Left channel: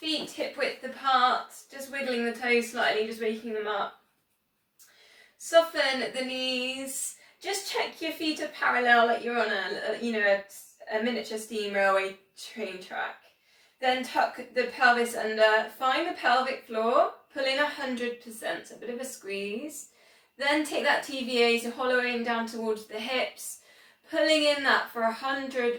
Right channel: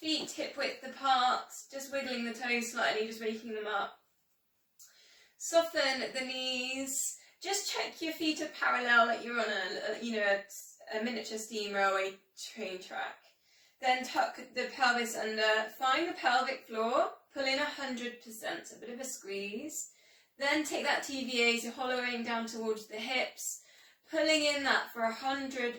Feet hip width apart, just wiggling the toes slightly, just waking them up. Soften the knees. Just check your feet are parallel, like you're on a miniature steam railway train track. Then tuck the pelvis under, find the pelvic floor, pull in 100%, so a bit of a squeeze. Then take that TVA, so hollowing down towards the hips, pulling in that for 100%.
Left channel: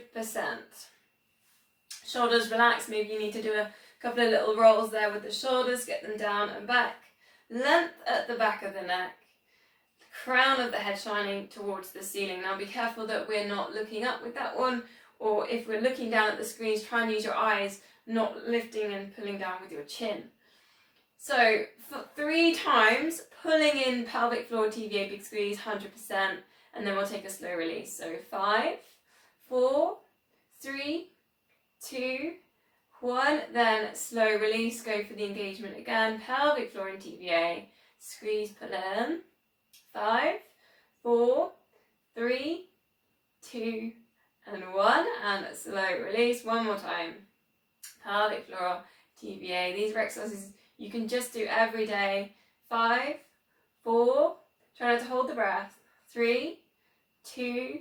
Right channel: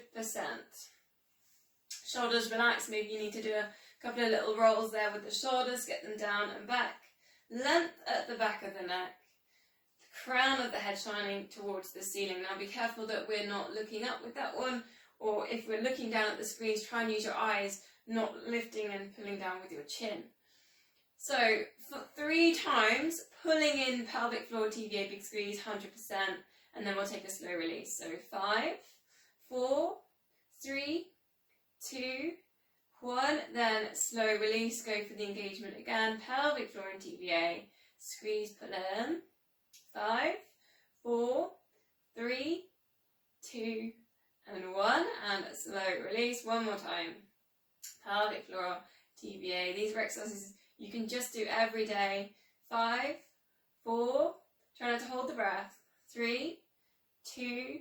Shoulders relaxed, maybe you need to do a couple of little rolls there with the shoulders, get them down and back. Length at the back of the neck. Crown of the head shining towards the ceiling. Now be careful that we're not looking up with that one, or if we're looking down at the screens, try and use your eyes, not lifting and pulling down with your chin. So for 3 times, pulling in pelvic floor TVA, big squeeze, 100%, and then we'll take a slow release. So 5, 4, 3, 2, 1, then slow release, go for the engagement again, pelvic floor and TVA, squeeze, pull in. 5, 4, 3, 2, and 1, and slow release. One more time. Pelvic floor, TVA. These are exercises you can just do every day. 5, 4, try not to hold the breath. 3, 2,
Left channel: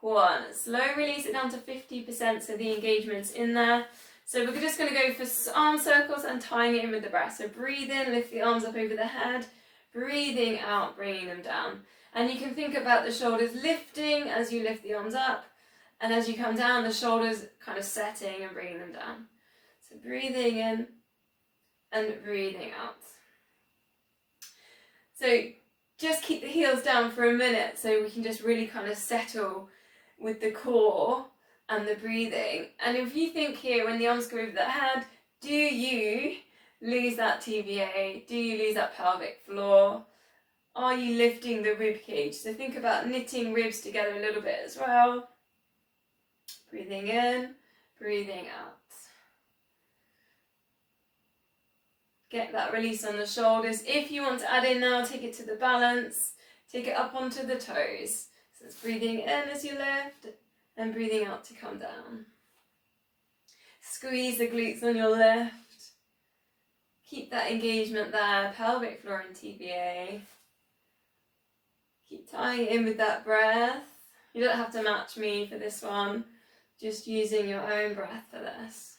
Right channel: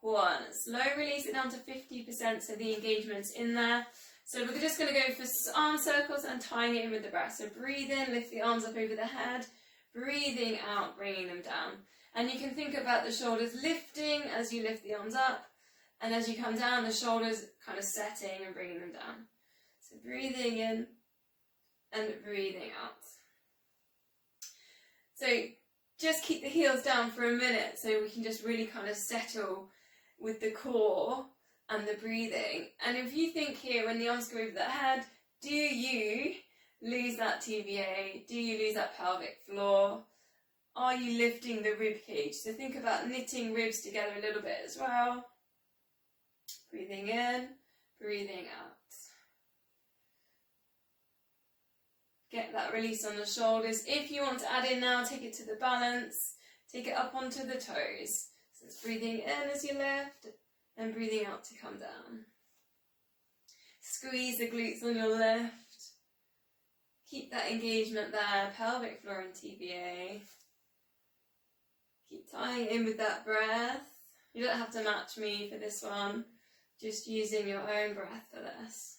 1. Slow release it down to 50%, so the engagement's in there. So we're just going to go for arm circles and tying it in with the breath. So breathe in, lift the arms up over the head. Breathing out, bringing them down. And you can think about the shoulders lifting as you lift the arms up. And as you come down, the shoulders kind of setting and bringing them down. So breathing in and breathing out. So just keep the heels down for a minute so we can just really kind of settle with the core and the breathing. And if you think here, when the arms go over the head, do you lose that TVA? Do you lose that pelvic floor? Are you lifting the rib cage? So think about knitting ribs together a little bit as well. Breathing in, breathing out. Get that release on the shoulders. If you want to add in now, take it to the balance. Take it up onto the toes. So it's breathing in as you lift and breathing out to come down. Squeeze the glutes on your lift. Keep that engagement there, pelvic floor and TVA. Keep tying it in with that breath. You don't have to match me for this one, just using your own breath for this.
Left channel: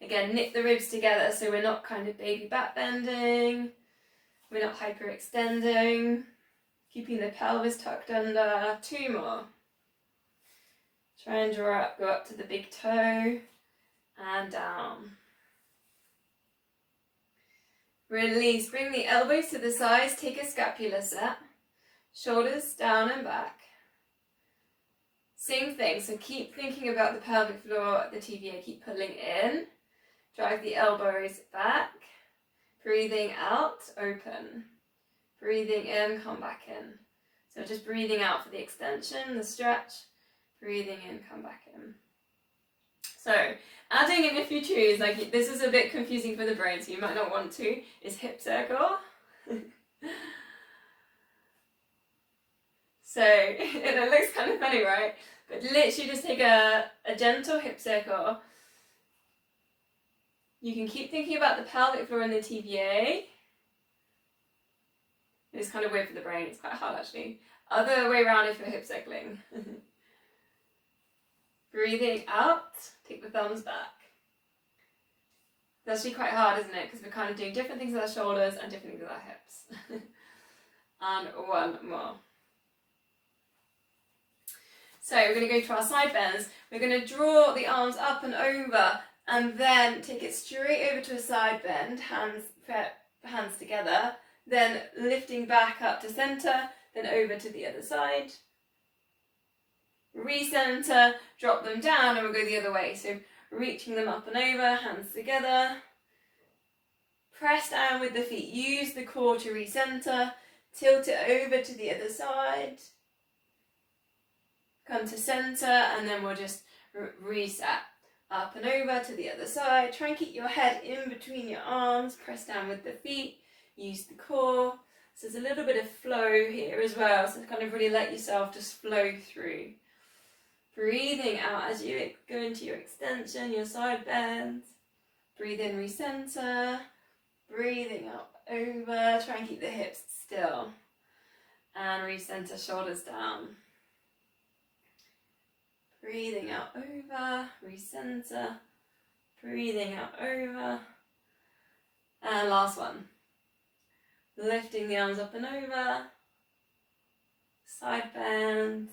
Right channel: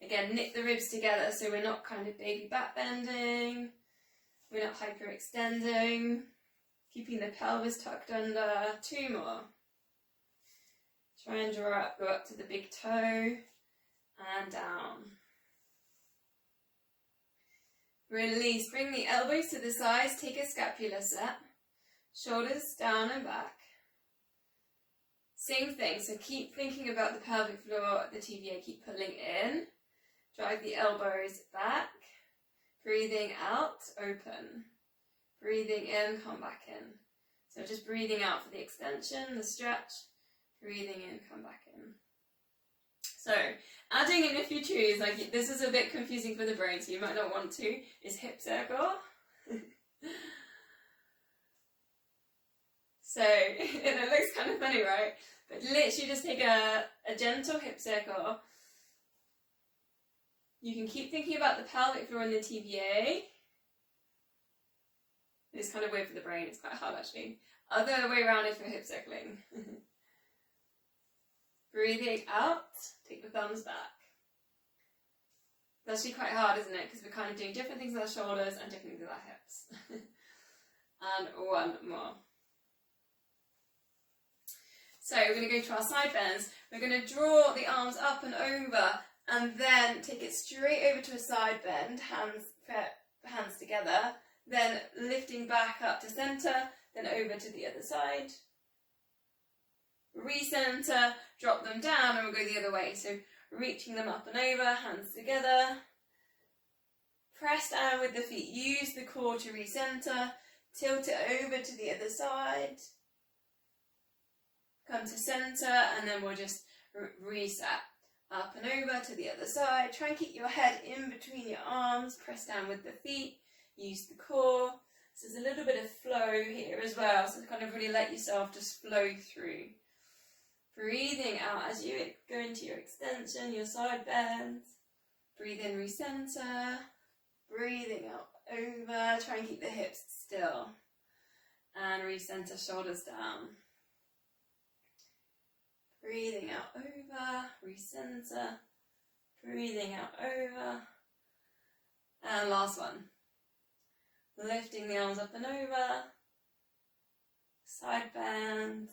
Again, knit the ribs together so we're not kind of baby back bending, we're not hyperextending, keeping the pelvis tucked under. 2 more. Try and draw up, go up to the big toe and down. Release, bring the elbows to the sides, take a scapular set, shoulders down and back. Same thing, so keep thinking about the pelvic floor, the TVA, keep pulling in, drive the elbows back, breathing out, open, breathing in, come back in. So just breathing out for the extension, the stretch, breathing in, come back in. So adding in, if you choose, like this is a bit confusing for the brain, so you might not want to, is hip circle. So it looks kind of funny, right? But literally just take a gentle hip circle. You can keep thinking about the pelvic floor and the TVA. It's kind of weird for the brain, it's quite hard actually. Other way around if you're hip circling. Breathing out, take the thumbs back. It's actually quite hard, isn't it? Because we're kind of doing different things with our shoulders and different things with our hips. And 1 more. So we're going to go to our side bends. We're going to draw the arms up and over and then take it straight over to a side bend, hands together, then lifting back up to centre, then over to the other side. Recenter, drop them down and we'll go the other way. So reaching them up and over, hands together. Press down with the feet. Use the core to recenter. Tilt it over to the other side. Come to centre and then we'll just reset. Up and over to the other side. Try and keep your head in between your arms. Press down with the feet. Use the core. So there's a little bit of flow here as well. So kind of really let yourself just flow through. Breathing out as you go into your extension, your side bends. Breathe in, recenter. Breathing out, over. Try and keep the hips still. And recenter, shoulders down. Breathing out, over. Recenter. Breathing out, over. And last one. Lifting the arms up and over. Side bends.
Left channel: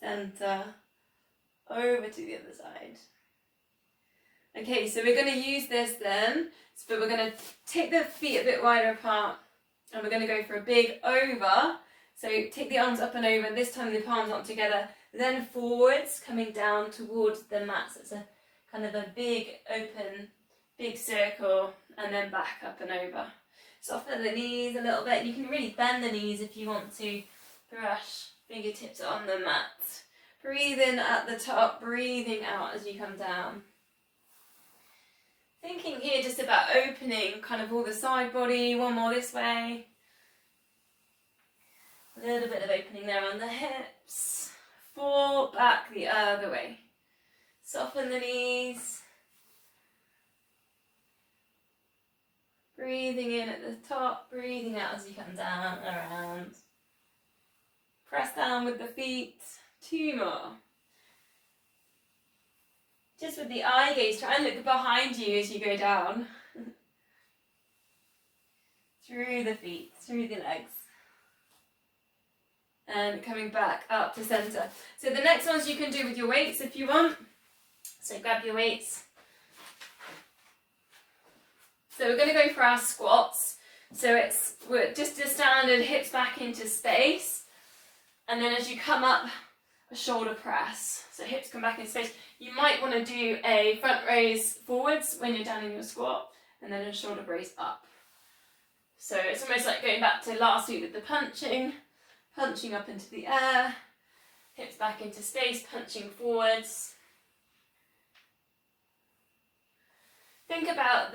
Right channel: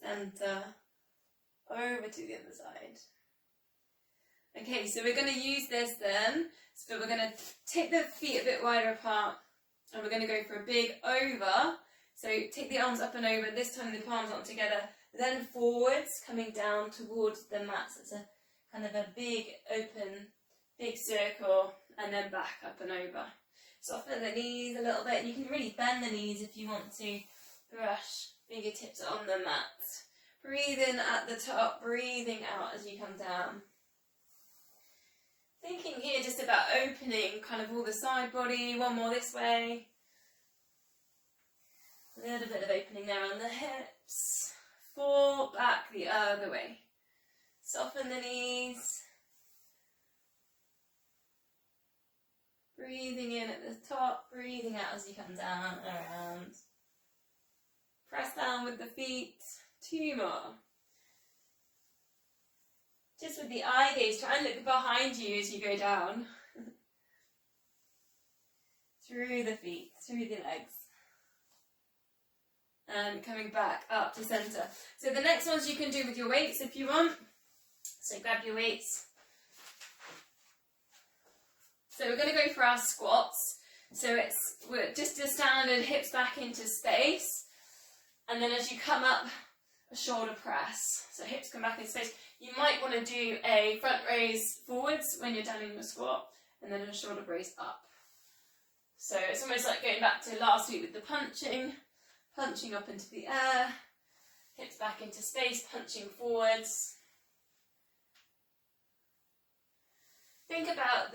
Center. Over to the other side. Okay, so we're going to use this then. So we're going to take the feet a bit wider apart. And we're going to go for a big over. So take the arms up and over. This time the palms aren't together. Then forwards, coming down towards the mat. So it's a kind of a big open, big circle. And then back up and over. Soften the knees a little bit. You can really bend the knees if you want to. Brush fingertips on the mat. Breathe in at the top. Breathing out as you come down. Thinking here just about opening kind of all the side body. One more this way. A little bit of opening there on the hips. Fall back the other way. Soften the knees. Breathing in at the top, breathing out as you come down, around. Press down with the feet. 2 more. Just with the eye gaze, try and look behind you as you go down. Through the feet, through the legs. And coming back up to centre. So the next ones you can do with your weights if you want. So grab your weights. So we're going to go for our squats. So we're just a standard hips back into space. And then as you come up, a shoulder press. So hips come back into space. You might want to do a front raise forwards when you're down in your squat. And then a shoulder raise up. So it's almost like going back to last week with the punching. Punching up into the air. Hips back into space, punching forwards. Think about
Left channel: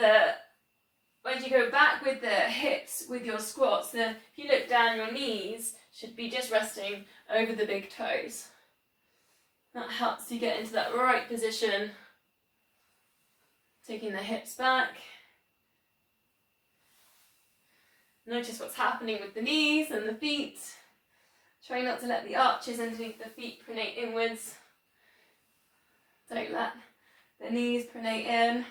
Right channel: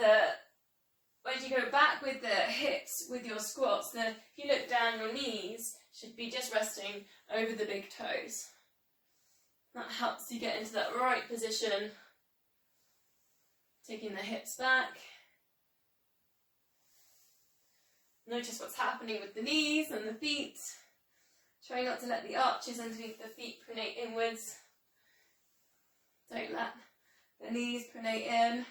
when you go back with the hips with your squats, if you look down, your knees should be just resting over the big toes. That helps you get into that right position. Taking the hips back. Notice what's happening with the knees and the feet. Try not to let the arches underneath the feet pronate inwards. Don't let the knees pronate in.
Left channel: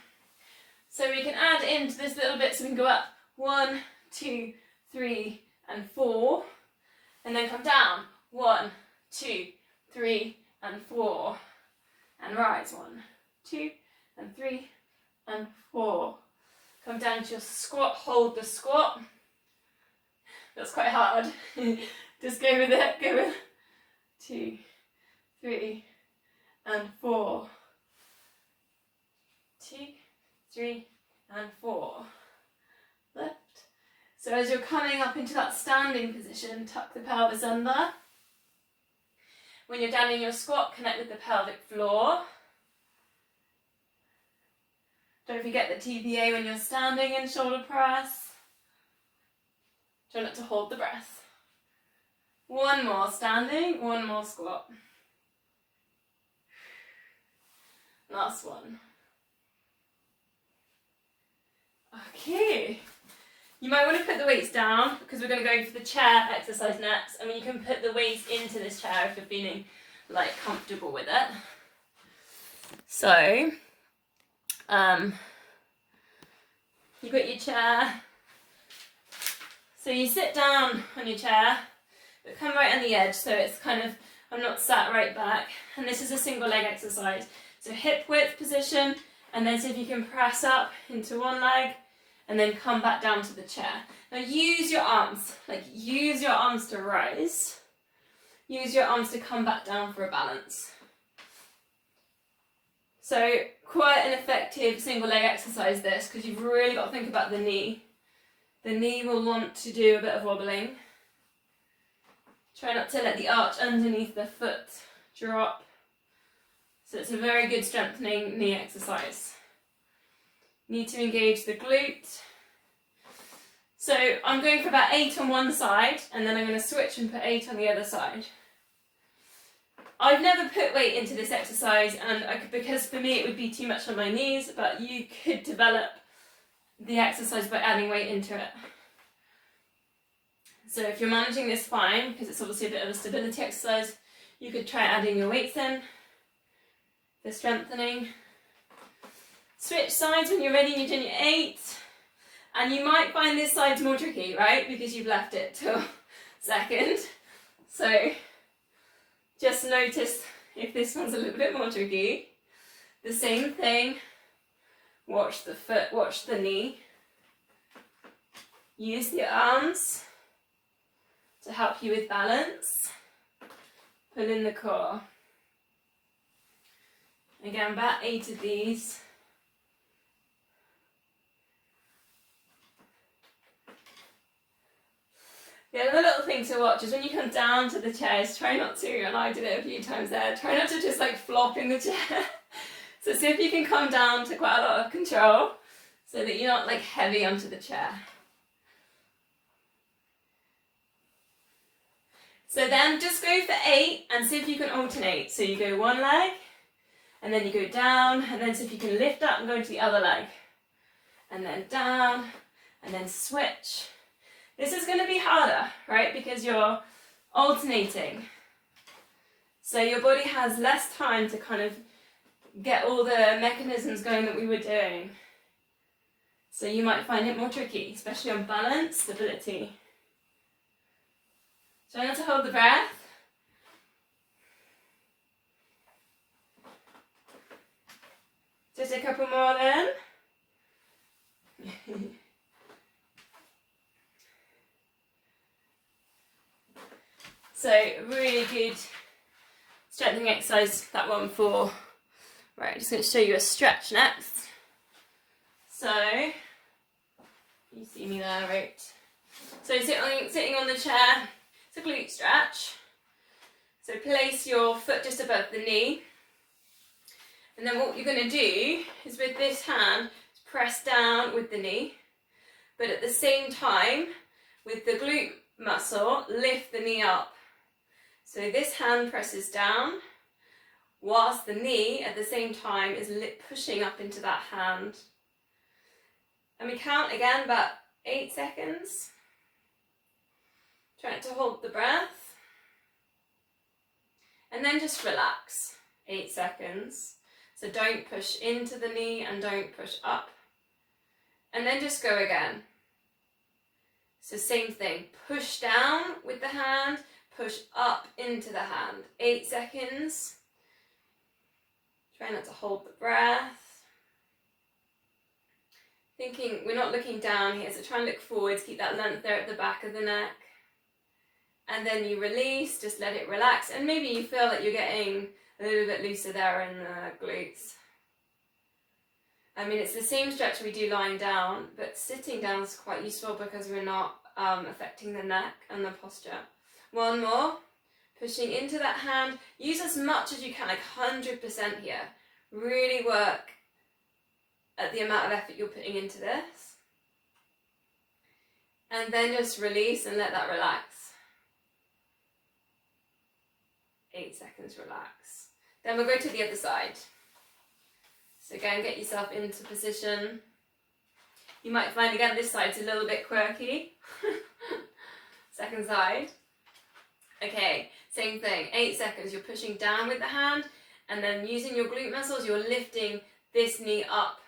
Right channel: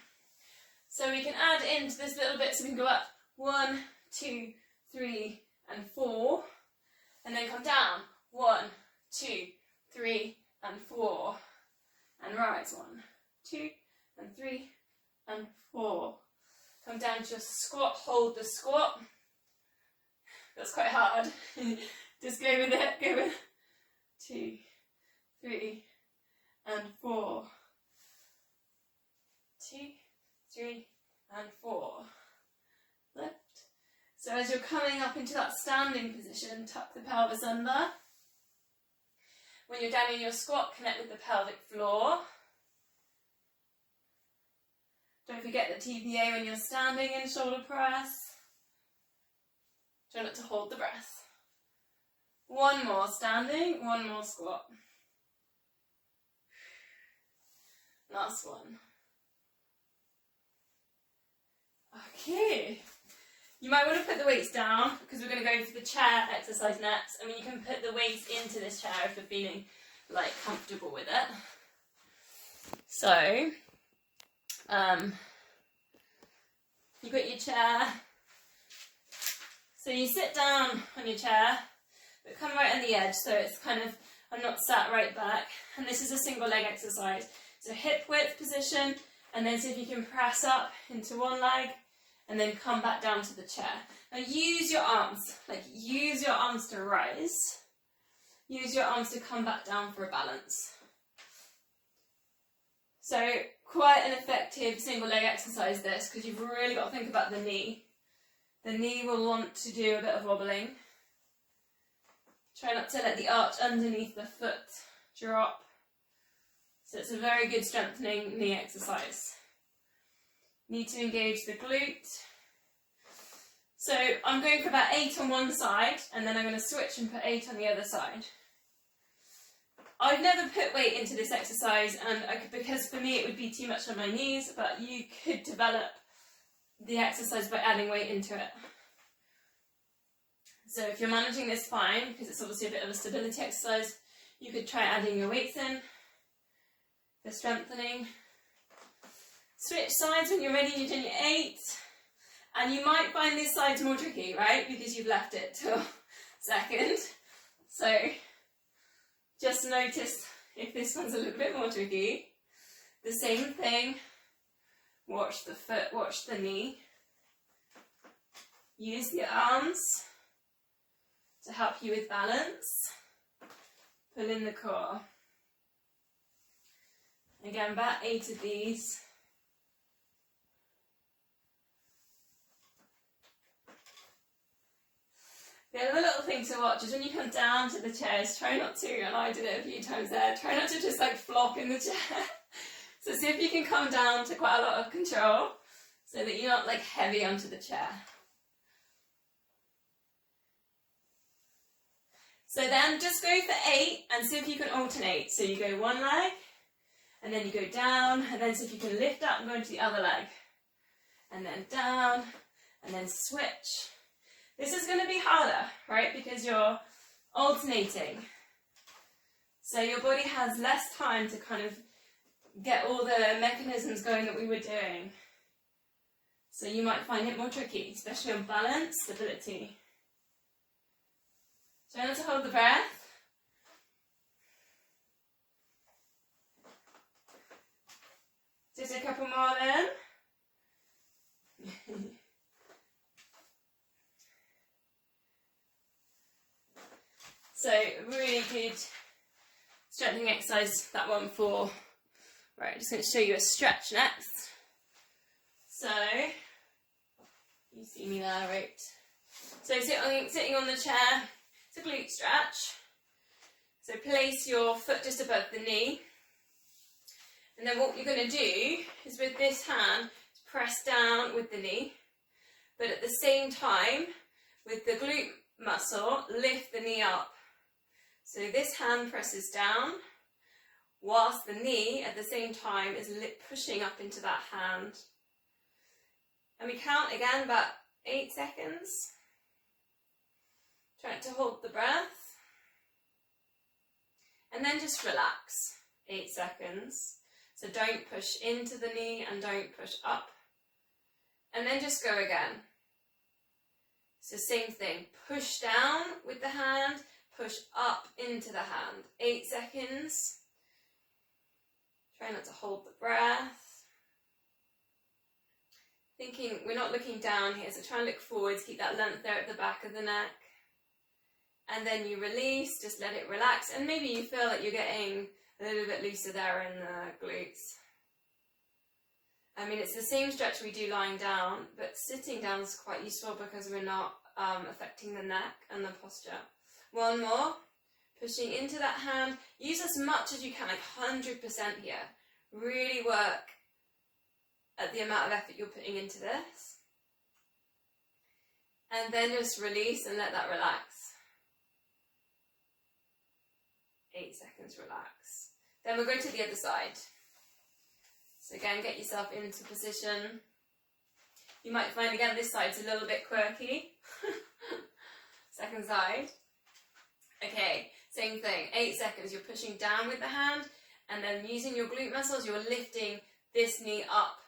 So we can add into this little bit so we can go up 1, 2, 3 and 4. And then come down 1, 2, 3 and 4. And rise 1, 2 and 3 and 4. Come down to your squat, hold the squat. That's quite hard. Just go with it, go with 2, 3 and 4. 2, 3 and 4. Lift. So as you're coming up into that standing position, tuck the pelvis under. When you're down in your squat, connect with the pelvic floor. Don't forget the TPA when you're standing in shoulder press. Try not to hold the breath. 1 more standing, 1 more squat. Last one. Okay. You might want to put the weights down because we're going to go for the chair exercise next. I mean, you can put the weights into this chair if you're feeling like comfortable with it. So, you've got your chair. So you sit down on your chair, but come right on the edge. So it's kind of, I'm not sat right back. And this is a single leg exercise. So hip width position, and then see if you can press up into one leg, and then come back down to the chair. Now use your arms, use your arms to rise. Use your arms to come back down for a balance. So quite an effective single leg exercise this, because you've really got to think about the knee. The knee will want to do a bit of wobbling. Try not to let the arch underneath the foot drop. So it's a very good strengthening knee exercise. Need to engage the glute. So I'm going for about 8 on one side, and then I'm going to switch and put 8 on the other side. I've never put weight into this exercise, and because for me it would be too much on my knees, but you could develop the exercise by adding weight into it. So if you're managing this fine, because it's obviously a bit of a stability exercise, you could try adding your weights in for strengthening. Switch sides when you're ready and you've done your 8. And you might find this side's more tricky, right? Because you've left it till second. So just notice if this one's a little bit more tricky. The same thing. Watch the foot, watch the knee. Use the arms to help you with balance. Pull in the core. Again, about 8 of these. The other little thing to watch is when you come down to the chairs, try not to, and I did it a few times there, try not to just like flop in the chair. So see if you can come down to quite a lot of control so that you're not like heavy onto the chair. So then just go for 8 and see if you can alternate. So you go one leg and then you go down, and then see if you can lift up and go into the other leg. And then down and then switch. This is going to be harder, right? Because you're alternating. So your body has less time to kind of get all the mechanisms going that we were doing. So you might find it more tricky, especially on balance, stability. Try not to hold the breath. Just a couple more then. So really good strengthening exercise, that one for, right, I'm just going to show you a stretch next. So, you see me there, right? So sitting on the chair, it's a glute stretch. So place your foot just above the knee. And then what you're going to do is with this hand, press down with the knee. But at the same time, with the glute muscle, lift the knee up. So this hand presses down, whilst the knee at the same time is pushing up into that hand. And we count again about 8 seconds. Try to hold the breath. And then just relax, 8 seconds. So don't push into the knee and don't push up. And then just go again. So same thing, push down with the hand, push up into the hand. 8 seconds. Try not to hold the breath. Thinking, we're not looking down here, so try and look forwards, keep that length there at the back of the neck. And then you release, just let it relax. And maybe you feel that you're getting a little bit looser there in the glutes. I mean, it's the same stretch we do lying down, but sitting down is quite useful because we're not affecting the neck and the posture. One more, pushing into that hand. Use as much as you can, like 100% here. Really work at the amount of effort you're putting into this. And then just release and let that relax. 8 seconds, relax. Then we'll go to the other side. So again, get yourself into position. You might find again this side's a little bit quirky. Second side. Okay, same thing, 8 seconds. You're pushing down with the hand, and then using your glute muscles, you're lifting this knee up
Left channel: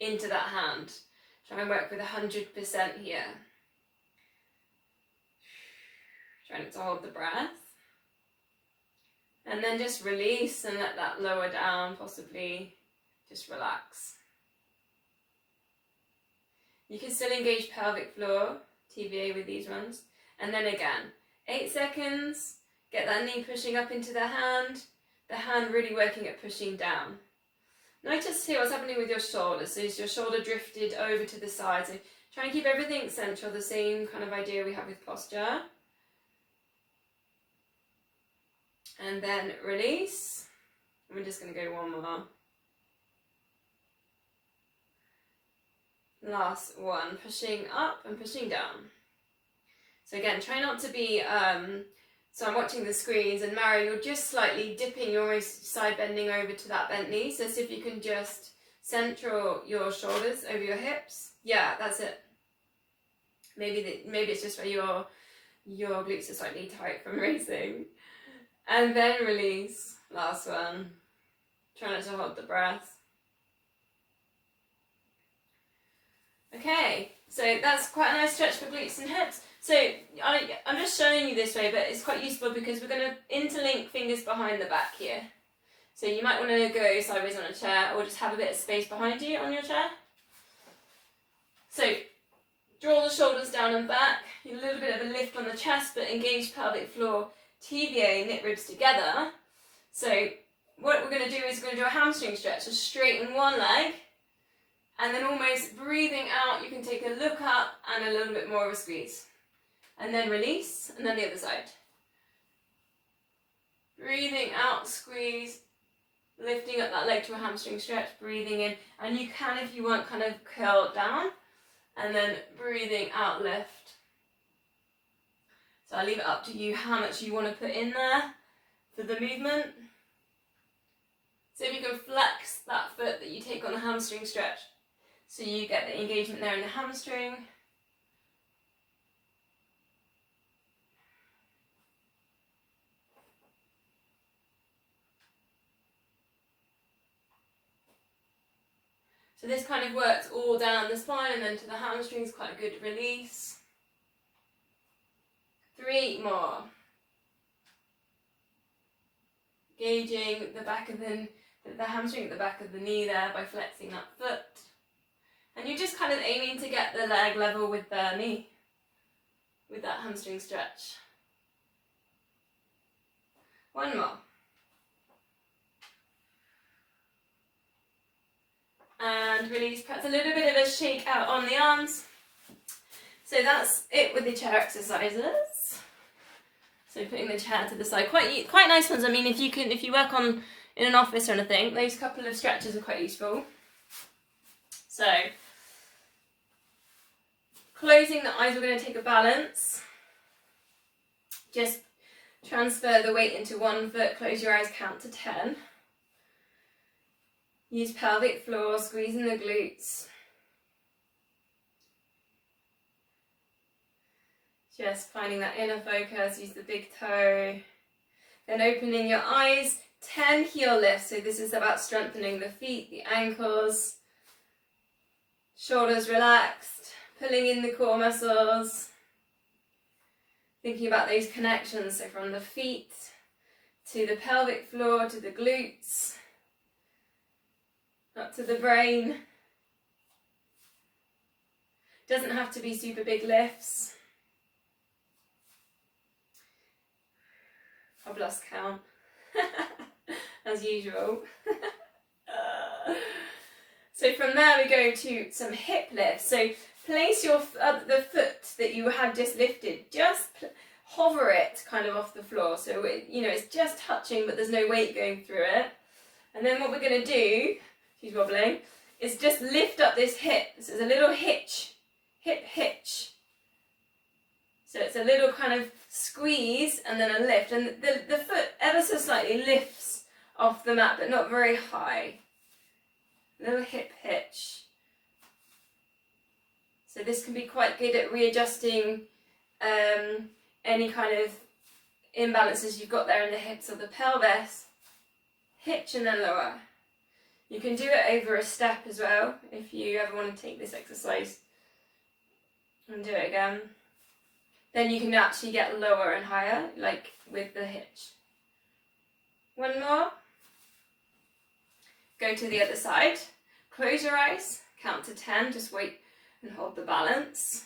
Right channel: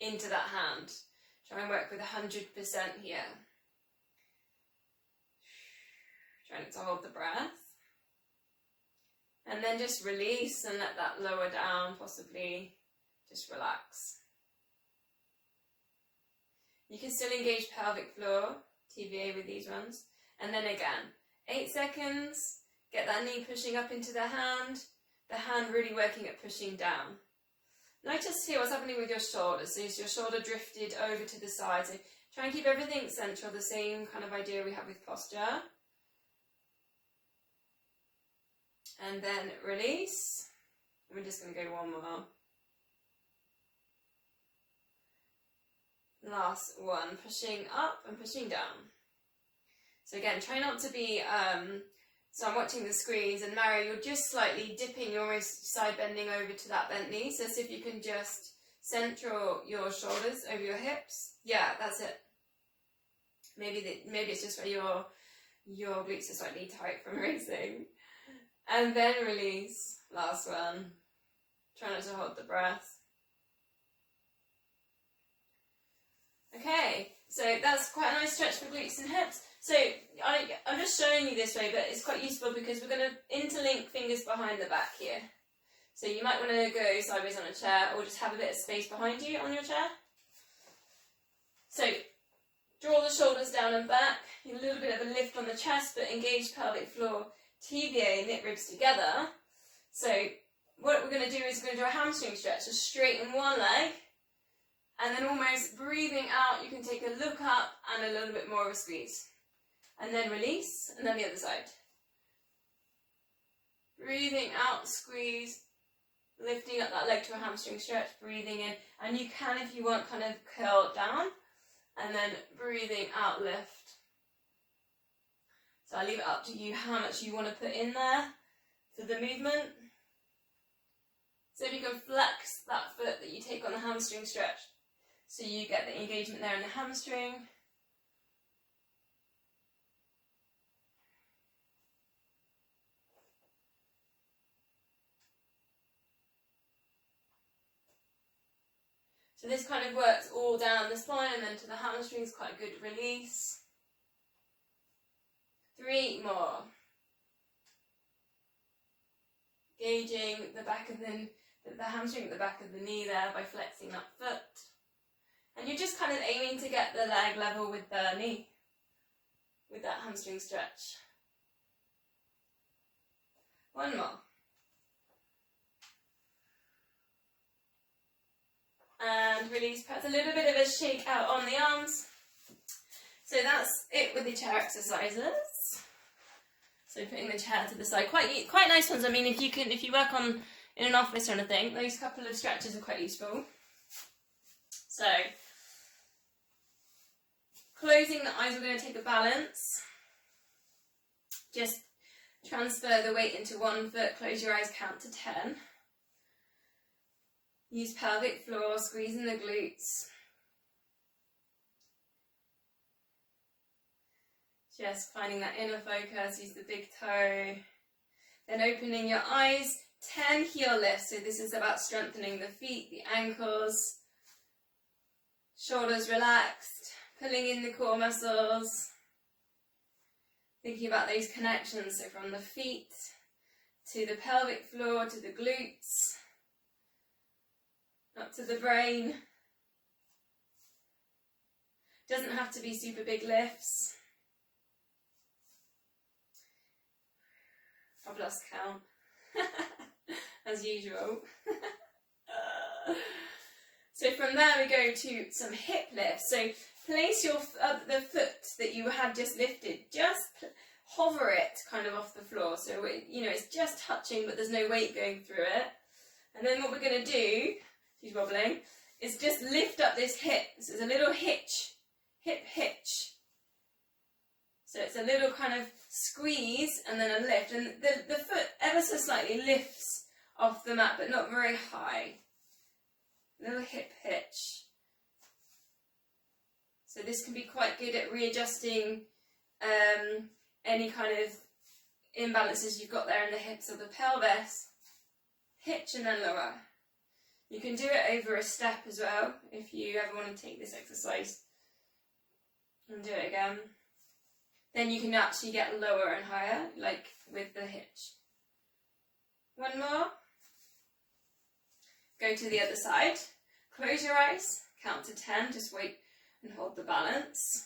into that hand. Try and work with 100% here. Trying to hold the breath. And then just release and let that lower down, possibly just relax. You can still engage pelvic floor, TVA with these ones. And then again, 8 seconds, get that knee pushing up into the hand really working at pushing down. Notice here what's happening with your shoulder. So is your shoulder drifted over to the side. So try and keep everything central, the same kind of idea we have with posture. And then release. And we're just going to go to one more. Last one, pushing up and pushing down. So again, try not to be So I'm watching the squeeze, and Mara, you're just slightly dipping, you're almost side bending over to that bent knee. So see if you can just center your shoulders over your hips. Yeah, that's it. Maybe it's just where your glutes are slightly tight from racing. And then release. Last one. Try not to hold the breath. Okay, so that's quite a nice stretch for glutes and hips. So I'm just showing you this way, but it's quite useful because we're going to interlink fingers behind the back here. So you might want to go sideways on a chair, or just have a bit of space behind you on your chair. So draw the shoulders down and back, a little bit of a lift on the chest, but engage pelvic floor, TVA, knit ribs together. So what we're going to do is we're going to do a hamstring stretch, so straighten one leg, and then almost breathing out, you can take a look up and a little bit more of a squeeze. And then release, and then the other side. Breathing out, squeeze, lifting up that leg to a hamstring stretch, breathing in, and you can, if you want, kind of curl down, and then breathing out, lift. So I'll leave it up to you how much you want to put in there for the movement. So if you can flex that foot that you take on the hamstring stretch, so you get the engagement there in the hamstring. So this kind of works all down the spine and then to the hamstrings, quite a good release. 3 more. Gauging the back of the hamstring at the back of the knee there by flexing that foot. And you're just kind of aiming to get the leg level with the knee, with that hamstring stretch. 1 more. And release, perhaps a little bit of a shake out on the arms. So that's it with the chair exercises. So putting the chair to the side, quite nice ones. I mean, if you work in an office or anything, those couple of stretches are quite useful. So closing the eyes, we're going to take a balance. Just transfer the weight into one foot, close your eyes, count to 10. Use pelvic floor, squeezing the glutes. Just finding that inner focus, use the big toe. Then opening your eyes, 10 heel lifts. So this is about strengthening the feet, the ankles. Shoulders relaxed, pulling in the core muscles. Thinking about those connections, so from the feet to the pelvic floor, to the glutes, up to the brain. Doesn't have to be super big lifts. I've lost count, as usual. So from there we go to some hip lifts. So place your the foot that you had just lifted, just hover it kind of off the floor. So it's just touching, but there's no weight going through it. And then what we're going to do, she's wobbling, is just lift up this hip. So it's a little hitch, hip hitch. So it's a little kind of squeeze and then a lift. And the foot ever so slightly lifts off the mat, but not very high. Little hip hitch. So this can be quite good at readjusting any kind of imbalances you've got there in the hips or the pelvis. Hitch and then lower. You can do it over a step as well if you ever want to take this exercise and do it again. Then you can actually get lower and higher, like with the hitch. 1 more. Go to the other side. Close your eyes, count to 10, just wait and hold the balance.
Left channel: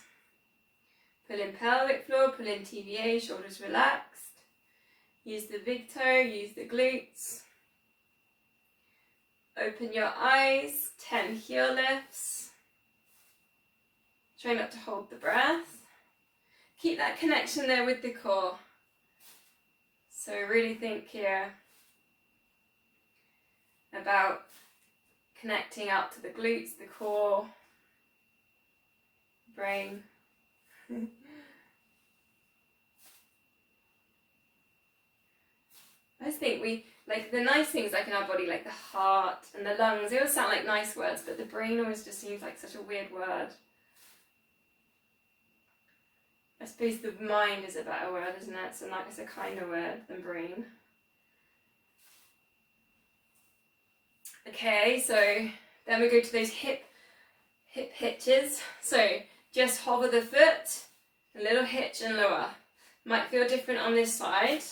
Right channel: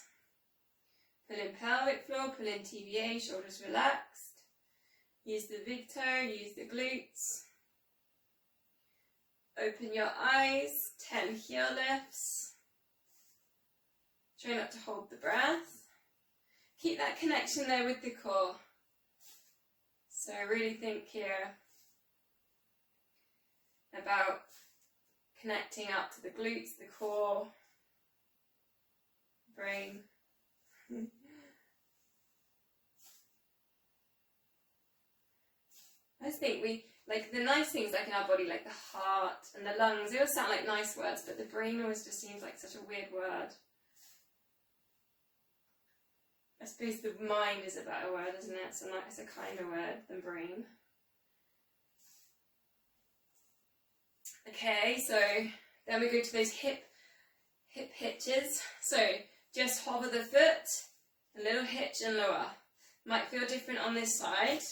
Pull in pelvic floor, pull in TVA, shoulders relaxed. Use the big toe, use the glutes. Open your eyes, 10 heel lifts. Try not to hold the breath. Keep that connection there with the core. So really think here about connecting out to the glutes, the core, brain. I just think we, like the nice things like in our body, like the heart and the lungs, they all sound like nice words, but the brain always just seems like such a weird word. I suppose the mind is a better word, isn't it? So like it's a kinder word than brain. Okay, so then we go to those hip hitches. So just hover the foot, a little hitch and lower. Might feel different on this side.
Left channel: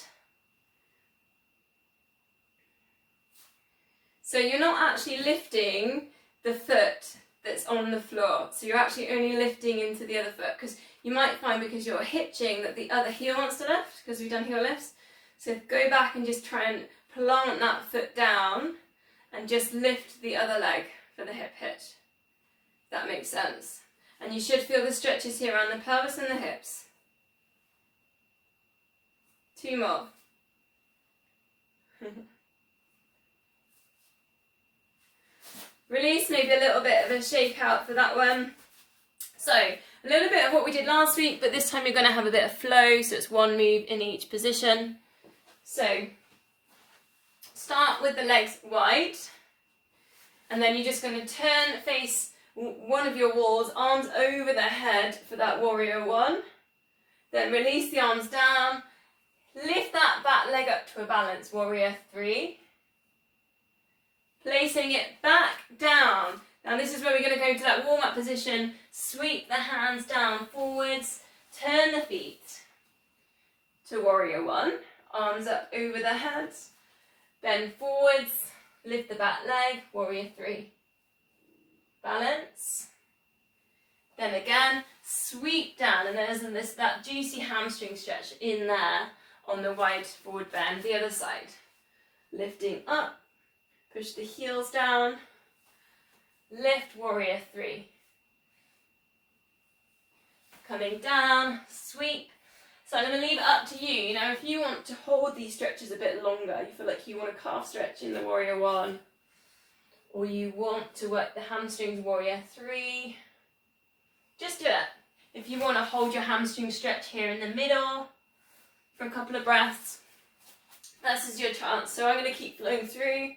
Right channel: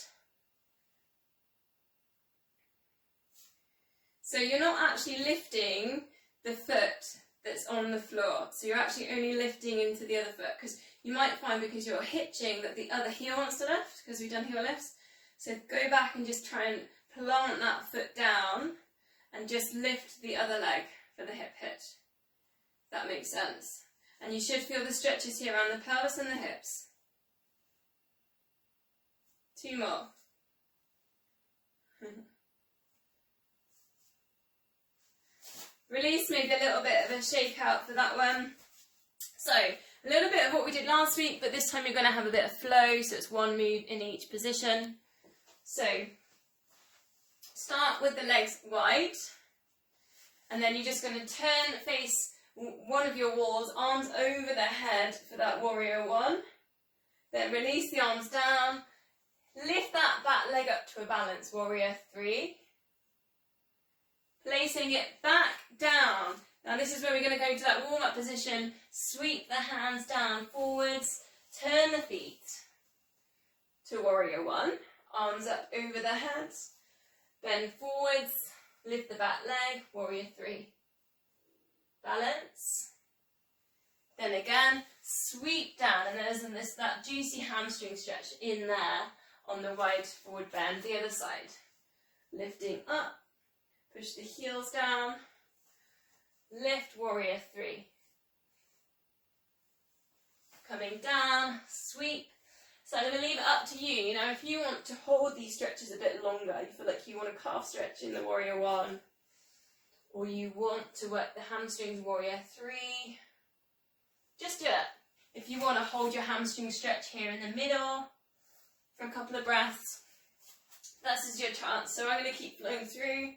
So you're not actually lifting the foot that's on the floor. So you're actually only lifting into the other foot, because you might find because you're hitching that the other heel wants to lift, because we've done heel lifts. So go back and just try and plant that foot down and just lift the other leg for the hip hitch. That makes sense. And you should feel the stretches here around the pelvis and the hips. 2 more. Release, maybe a little bit of a shake out for that one. So, a little bit of what we did last week, but this time you're going to have a bit of flow, so it's one move in each position. So, start with the legs wide, and then you're just going to turn, face one of your walls, arms over the head for that warrior one. Then release the arms down, lift that back leg up to a balance, warrior 3. Placing it back down. Now this is where we're going to go to that warm-up position. Sweep the hands down forwards. Turn the feet to warrior 1. Arms up over the head. Bend forwards. Lift the back leg. Warrior 3. Balance. Then again, sweep down. And there's that juicy hamstring stretch in there on the wide forward bend. The other side. Lifting up. Push the heels down, lift warrior 3. Coming down, sweep. So I'm going to leave it up to you. Now if you want to hold these stretches a bit longer, you feel like you want a calf stretch in the warrior 1, or you want to work the hamstrings warrior 3, just do it. If you want to hold your hamstring stretch here in the middle for a couple of breaths, this is your chance. So I'm going to keep flowing through.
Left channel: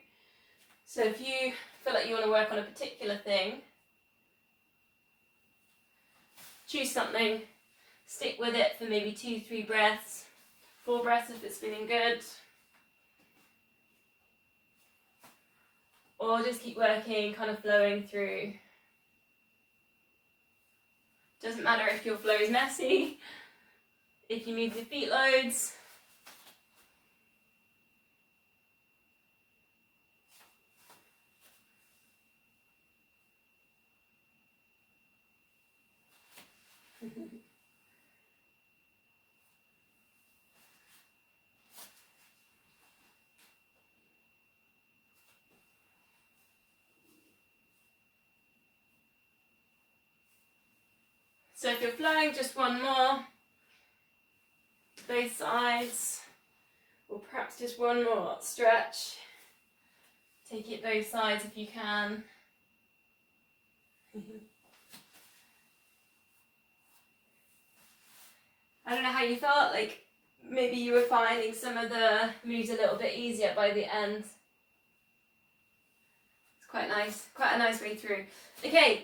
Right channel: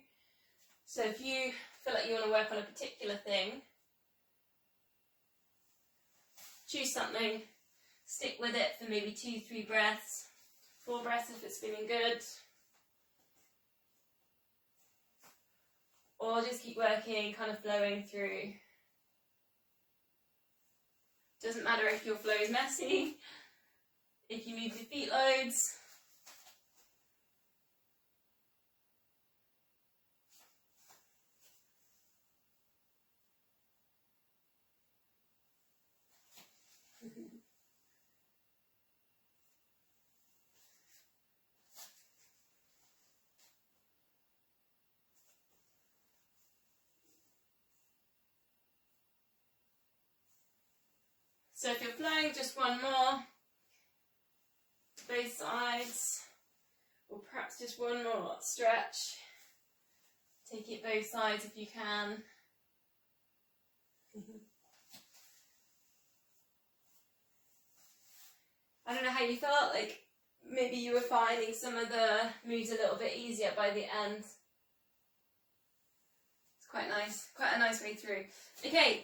So if you feel like you want to work on a particular thing, choose something, stick with it for maybe 2-3 breaths, 4 breaths if it's feeling good, or just keep working, kind of flowing through. Doesn't matter if your flow is messy, if you move your feet loads. So if you're flowing, just one more, both sides, or perhaps just one more stretch. Take it both sides if you can. I don't know how you felt, like maybe you were finding some of the moves a little bit easier by the end. It's quite nice, quite a nice way through. Okay.